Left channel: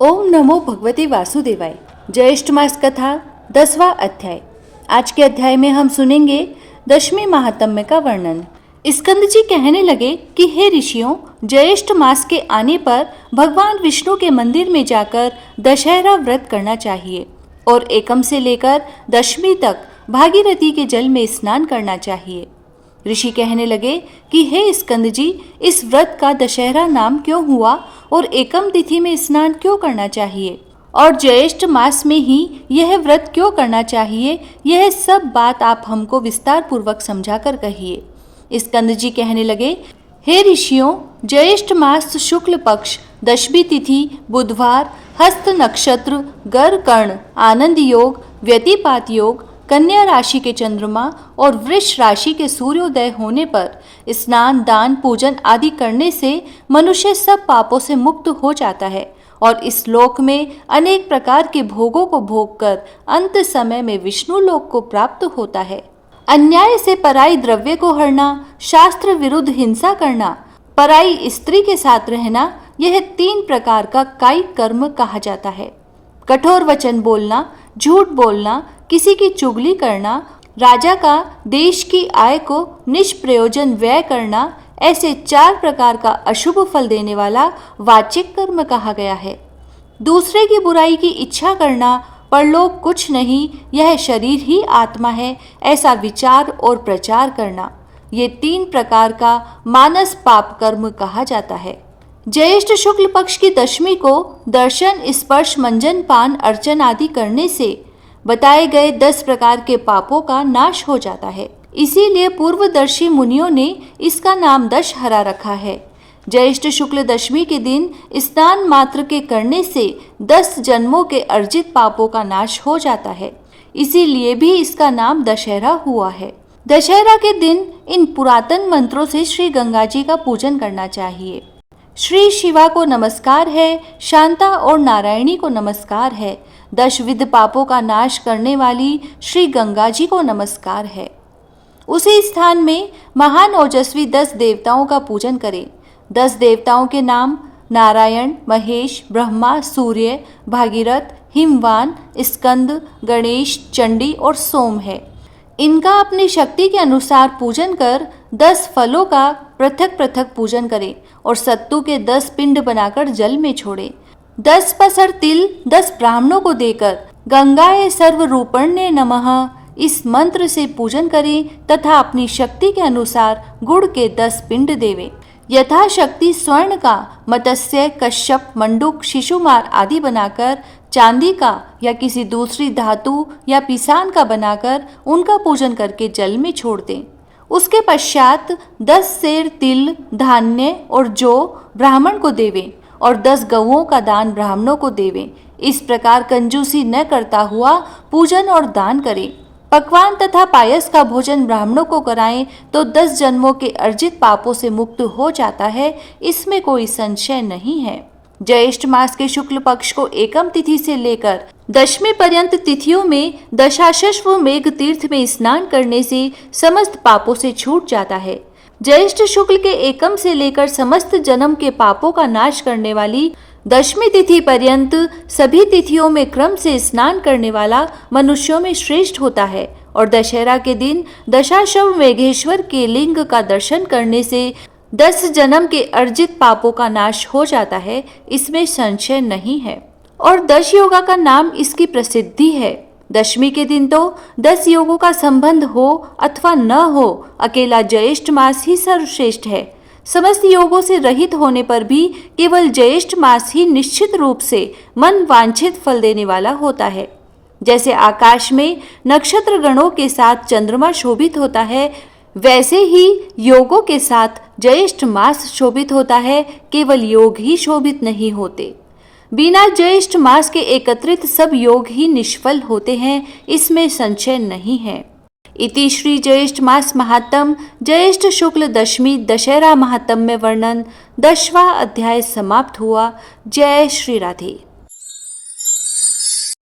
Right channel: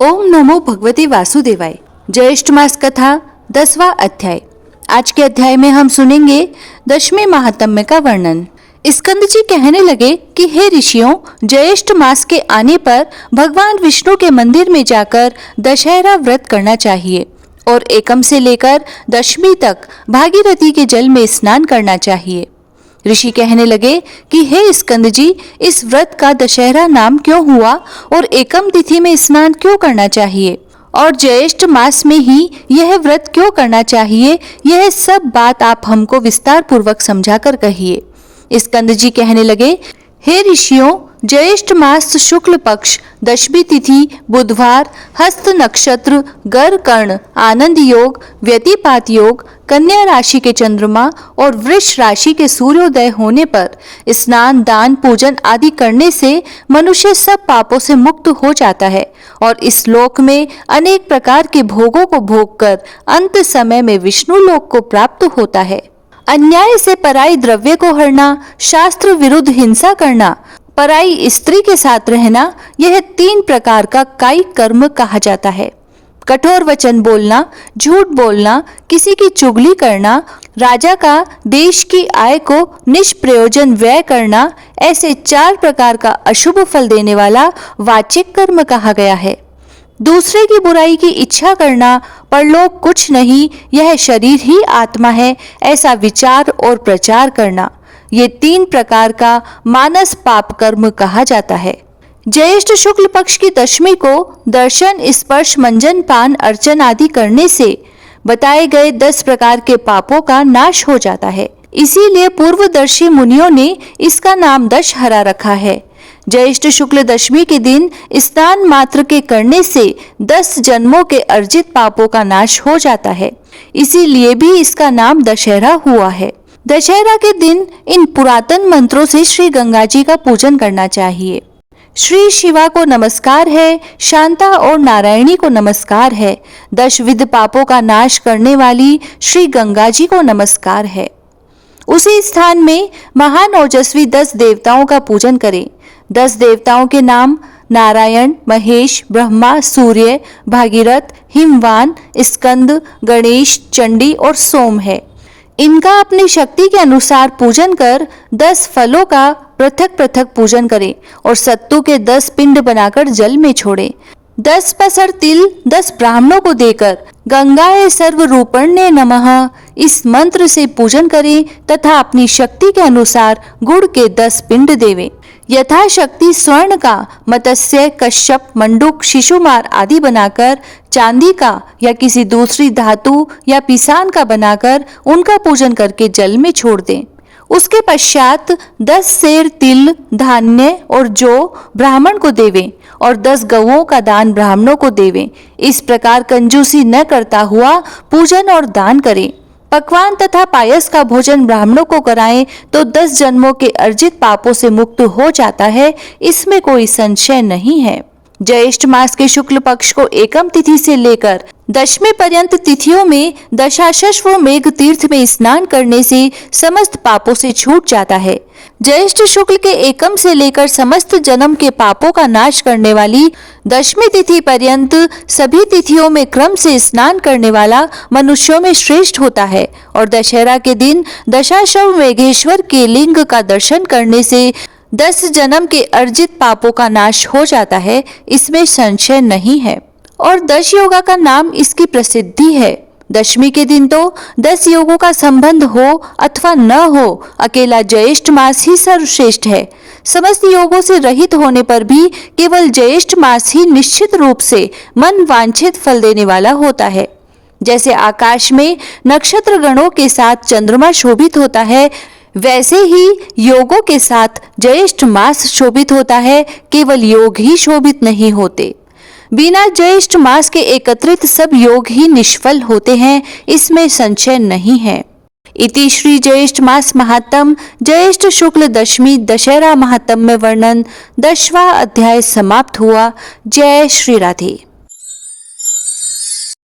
ओम नमो भगवते वासुदेवाय। ज्येष्ठ मास कथा 10वां अध्याय। आज के अध्याय में हम सुनेंगे 10वें महात्म्य का वर्णन। स्कंद जी कहने लगे कि हे ऋषियों, ज्येष्ठ मास के आने पर भगवान विष्णु के मंदिर में जाकर दशहरा व्रत करना चाहिए और एकम से लेकर दशमी तक भागीरथी के जल में स्नान करना चाहिए। ऋषि कहने लगे कि हे स्कंद जी, इस व्रत का दशहरा नाम क्यों हुआ और एकम तिथि में स्नान क्यों करना चाहिए और ज्येष्ठ मास में ही यह व्रत क्यों करना चाहिए, यह सब बात आप हमको विस्तार पूर्वक समझाकर कहिए। स्कंद जी कहने लगे, हे ऋषियों, ज्येष्ठ मास शुक्ल पक्ष दशमी तिथि बुधवार हस्त नक्षत्र गर कर्ण आनंद योग व्यतिपात योग कन्या राशि के चंद्रमा और वृष राशि के सूर्योदय होने पर स्नान दान पूजन आदि करने से मनुष्य सब पापों से मुक्त हो जाता है और इस लोक में अनेक प्रकार के भोगों को भोगकर अंत समय में विष्णु लोक को प्राप्त होता है। अन्याय से पराई द्रव्य को हरना, शास्त्र विरुद्ध हिंसा करना, पराई स्त्री के साथ रहना, यह 3 प्रकार का कायिक कर्म कहा जाता है। कठोर वचन बोलना, झूठ बोलना, किसी की चुगली करना, राजा का देश की आय को निष्प्रयोजन व्यय करना, ऐसे 4 प्रकार का अशुभ फल देने वाला वाचिक कर्म कहा गया है। दूसरे की बुराई की इच्छा करना, परलोक कुछ नहीं, यह शरीर ही आत्मा है, ऐसा विचार और प्रचार करना, ये 3 प्रकार का मानस पाप कर्म कहा जाता है। ज्येष्ठ शुक्ल पक्ष की दशमी को दर्शन स्पर्श मंजन पान अर्चन आदि करने से बताए गए 10 प्रकार के पापों का नाश हो जाता है। इसीलिए पूर्वदर्शी मुनियों ने इसका नाम दशहरा रखा है। ज्येष्ठ शुक्ल दशमी के दिन स्नान मात्र के करने से 10 जन्मों के अर्जित पापों का नाश हो जाता है, इसीलिए भी इसका नाम दशहरा हुआ है। दशहरा के दिन इन पुरातन मंत्रों से श्री गंगा जी का पूजन करना चाहिए। श्री शिवा को नमस्कार है, शांता और नारायणी को नमस्कार है, 10 विध पापों का नाश करने वाली श्री गंगा जी को नमस्कार है। उसी स्थान में महान ओजस्वी 10 देवताओं का पूजन करें। 10 देवताओं के नाम नारायण, महेश, ब्रह्मा, सूर्य, भागीरथ, हिमवान, स्कंद, गणेश, चंडी और सोम है। इनका अपनी शक्ति के अनुसार पूजन कर 10 फलों का पृथक पृथक पूजन करें और सत्तू के 10 पिंड बनाकर जल में छोड़ें। 10 पसर तिल 10 ब्राह्मणों को देकर गंगाए सर्वरूपण्ये नमः इस मंत्र से पूजन करें तथा अपनी शक्ति के अनुसार गुड़ के 10 पिंड देवें। यथाशक्ति स्वर्ण का, मत्स्य, कश्यप, मंडूक, शिशुमार आदि बनाकर चांदी का या किसी दूसरी धातु या पिसान का बनाकर उनका पूजन करके जल में छोड़ दें। उसके पश्चात 10 सेर तिल, धान्य और जौ ब्राह्मण को देवें और 10 गौओं का दान ब्राह्मणों को देवें। इस प्रकार कंजूसी न करता हुआ पूजन और दान करें। पकवान तथा पायस का भोजन ब्राह्मणों को कराएं तो 10 जन्मों के अर्जित पापों से मुक्त हो जाता है, इसमें कोई संशय नहीं है। ज्येष्ठ मास के शुक्ल पक्ष को एकम तिथि से लेकर दशमी पर्यंत तिथियों में दशाश्व मेघ तीर्थ में स्नान करने से समस्त पापों से छूट जाता है। ज्येष्ठ शुक्ल के एकम से लेकर समस्त जन्म के पापों का नाश करने वाली दशमी तिथि पर्यंत सभी तिथियों में क्रम से स्नान करने वाला मनुष्यों में श्रेष्ठ होता है और दशहरा के दिन दशाश्व मेघेश्वर के लिंग का दर्शन करने से 10 जन्म के अर्जित पापों का नाश हो जाता है, इसमें संशय नहीं है। और 10 योगा का नाम इसकी प्रसिद्धि है। दशमी के दिन तो 10 योगों का संबंध हो अथवा न हो, अकेला ज्येष्ठ मास ही सर्वश्रेष्ठ है। समस्त योगों से रहित होने पर भी केवल ज्येष्ठ मास ही निश्चित रूप से मन वांछित फल देने वाला होता है। जैसे आकाश में नक्षत्र गणों के साथ चंद्रमा शोभित होता है, वैसे ही योगों के साथ ज्येष्ठ मास शोभित होता है, केवल योग ही शोभित नहीं होते। बिना ज्येष्ठ मास के एकत्रित सब योग ही निष्फल होते हैं, इसमें संशय नहीं है। इति श्री ज्येष्ठ मास महात्म ज्येष्ठ शुक्ल दशमी दशहरा महात्म्य वर्णन 10वां अध्याय समाप्त हुआ। जय श्री राधे।